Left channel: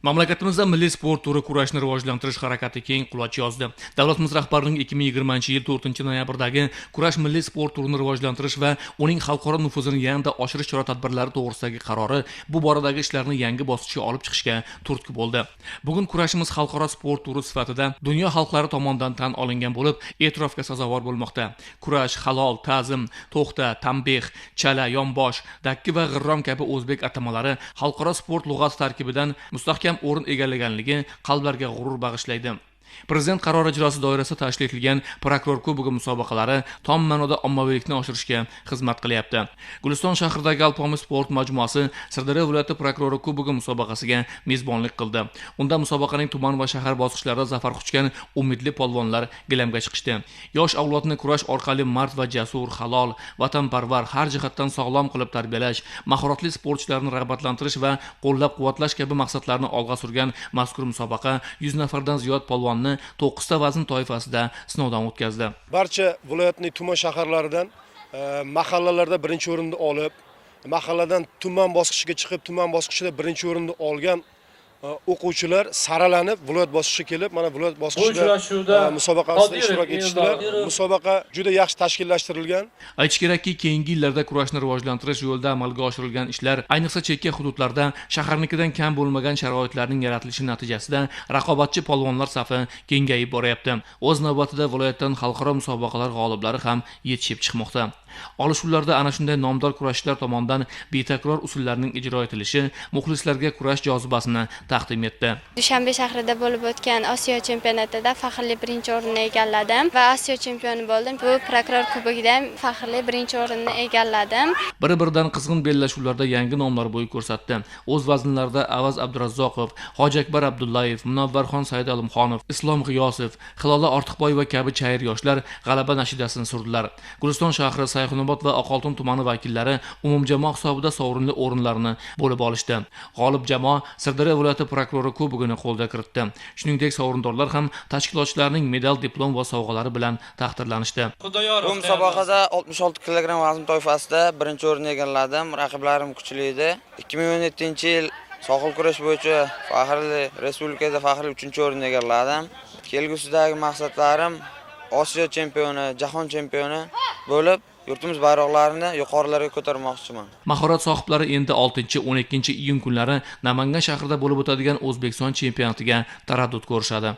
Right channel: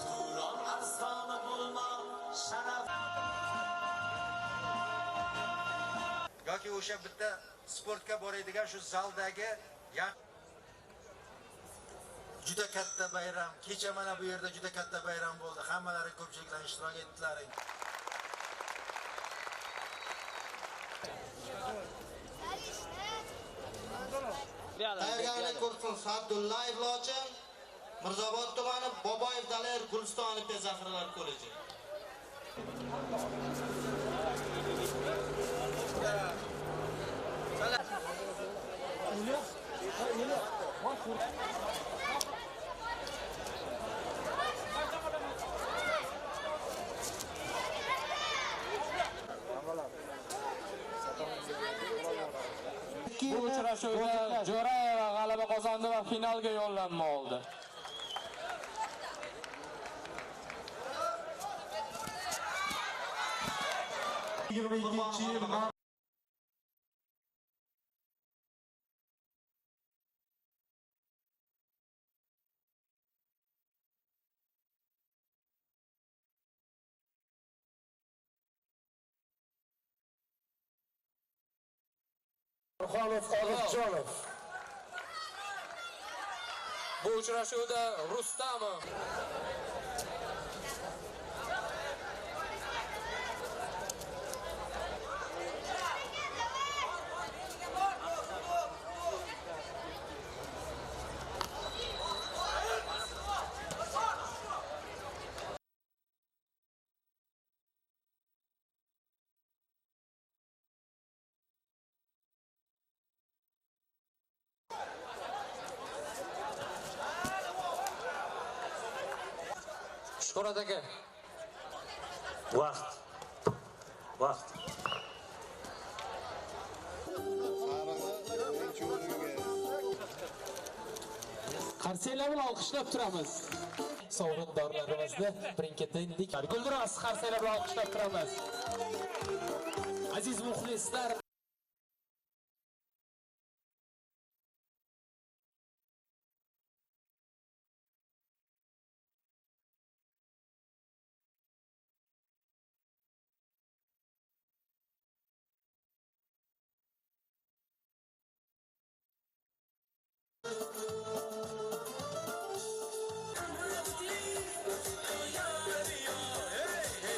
mamlakatimizda milliy sport turi kurashni rivojlantirish harakati keng quloch yozdi. Davlatimiz rahbarining 2020 yil 4 noyabrdagi kurash milliy sport turini rivojlantirish va uning xalqaro nufuzini yanada oshirish chora tadbirlari to'g'risidagi qarori bu boradagi ishlarni yangi bosqichga olib chiqishga turtki bo'ldi. Bugun kurashimiz xalqaro sport turi sifatida dunyo xalqlari tomonidan tan olingan bo'lib e'tirofga sazovor bo'lmoqda. Kurash halol ta'zim to'xta tanbeh chala yonbosh dakki va g'irrom kabi o'zbek atamalari xalqaro sport lug'ati tarkibidan mustahkam o'rin egallaganligi qalblarga g'urur bag'ishlaydi. Prezident qarori ijrosi doirasida tashkil etilgan prokuror kubogi musobaqalari tom ma'noda ommaviylikni oshirishga xizmat qilyapti. Guliston shahridagi alpomi sport majmuasi sirdaryo viloyati prokurori kubogi musobaqasiga mezbonlik qildi. Unda musobaqaning tuman va shahar bosqichlarida zafar quchgan umidli polvonlar gilamga chiqishdi. Yosh avlodni kurash orqali mard va jasur halol vatanparvar har jihatdan sog'lom qilib tarbiyalash mahoratli sportchilarni rag'batlantirish va qo'llab quvvatlash kabi maqsadlarni olg'a surgan mazkur musobaqa 100 nafardan ziyod polvonni to'qqizta vazn toifasida sinovdan o'tkazdi. Barcha viloyatning tuman shaharlaridan e, mahallalarda birinchi o'rinni olib mahalladan tuman bosqichiga chiqib tuman bosqichida birinchi o'rinni olgan o'quvchilar saralanib viloyat bosqichiga kelib mana viloyat bosqichida uchrashuvda e, musobaqasida ishtirok etishdilar. Musobaqa juda yaxshi tashkillashtirilgan. Aytish kerakki keyingi yillarda kurashni rivojlantirish yo'lida amalga oshirilgan ishlar ayniqsa chekka hududlarda shaharnikidan kam bo'lmagan sharoitlarning yaratilishi natijasida raqobatchi polvonlar safi kengayib boryapti. O'z navbatida viloyatdan xalqaro musobaqalar g'oliblari ham yetishib chiqmoqda olishuvlarda ana shunday nomdor kurashchilar tomonidan betakror usullarning ijro etilishi muxlislarga kurash jozibasini taqdim etdi Dushanbe shahrida bo'lib o'tgan Osiyo chempionatida faxrli birinchi o'rinni egalladim va Osiyo chempioni bo'ldim. Bu prokuror kubogida ham faxrli birinchi o'rinni egalladim. bir biridan qizg'in bellashuvlarda yangi nomlar bo'y ko'rsatdi o'z vaznlarida avaz abdurazzoqov hoji akbar abdullayev munavvarxon saidolimxonov islom g'iyosov hilola ortiqboyeva kabi chayir yoshlar g'alaba nashidasini surdilar guliston shahri sayxunobod va oqoltin tumani vakillari umumjamoa hisobida sovrinli o'rinlarni bo'lib olishdi g'olib jamoa sirdaryo viloyati prokurori kubogini qo'lga kiritdi shuningdek sovrindorlar ham tashkilotchilarning medal diplom va sovg'alari bilan taqdirlanishdi Bu musobaqada 66 kg vazn toifasida birinchi o'rinni egalladim. Raqiblarim kuchli edi. 2017-yil sohil kurash bo'yicha faxrli respublikada faxrli 3-o'rinni egalladim. Kelgusidagi maqsadlarim Osiyo chempioni, jahon chempioni bo'lib, yurtimiz bayroqlarini yuqorilarga ko'tarmoqchiman. mahorat sohiblari endi 6-12 iyun kunlari namangan shahrida bo'lib o'tadigan o'zbekiston chempionatiga taraddud ko'rishadi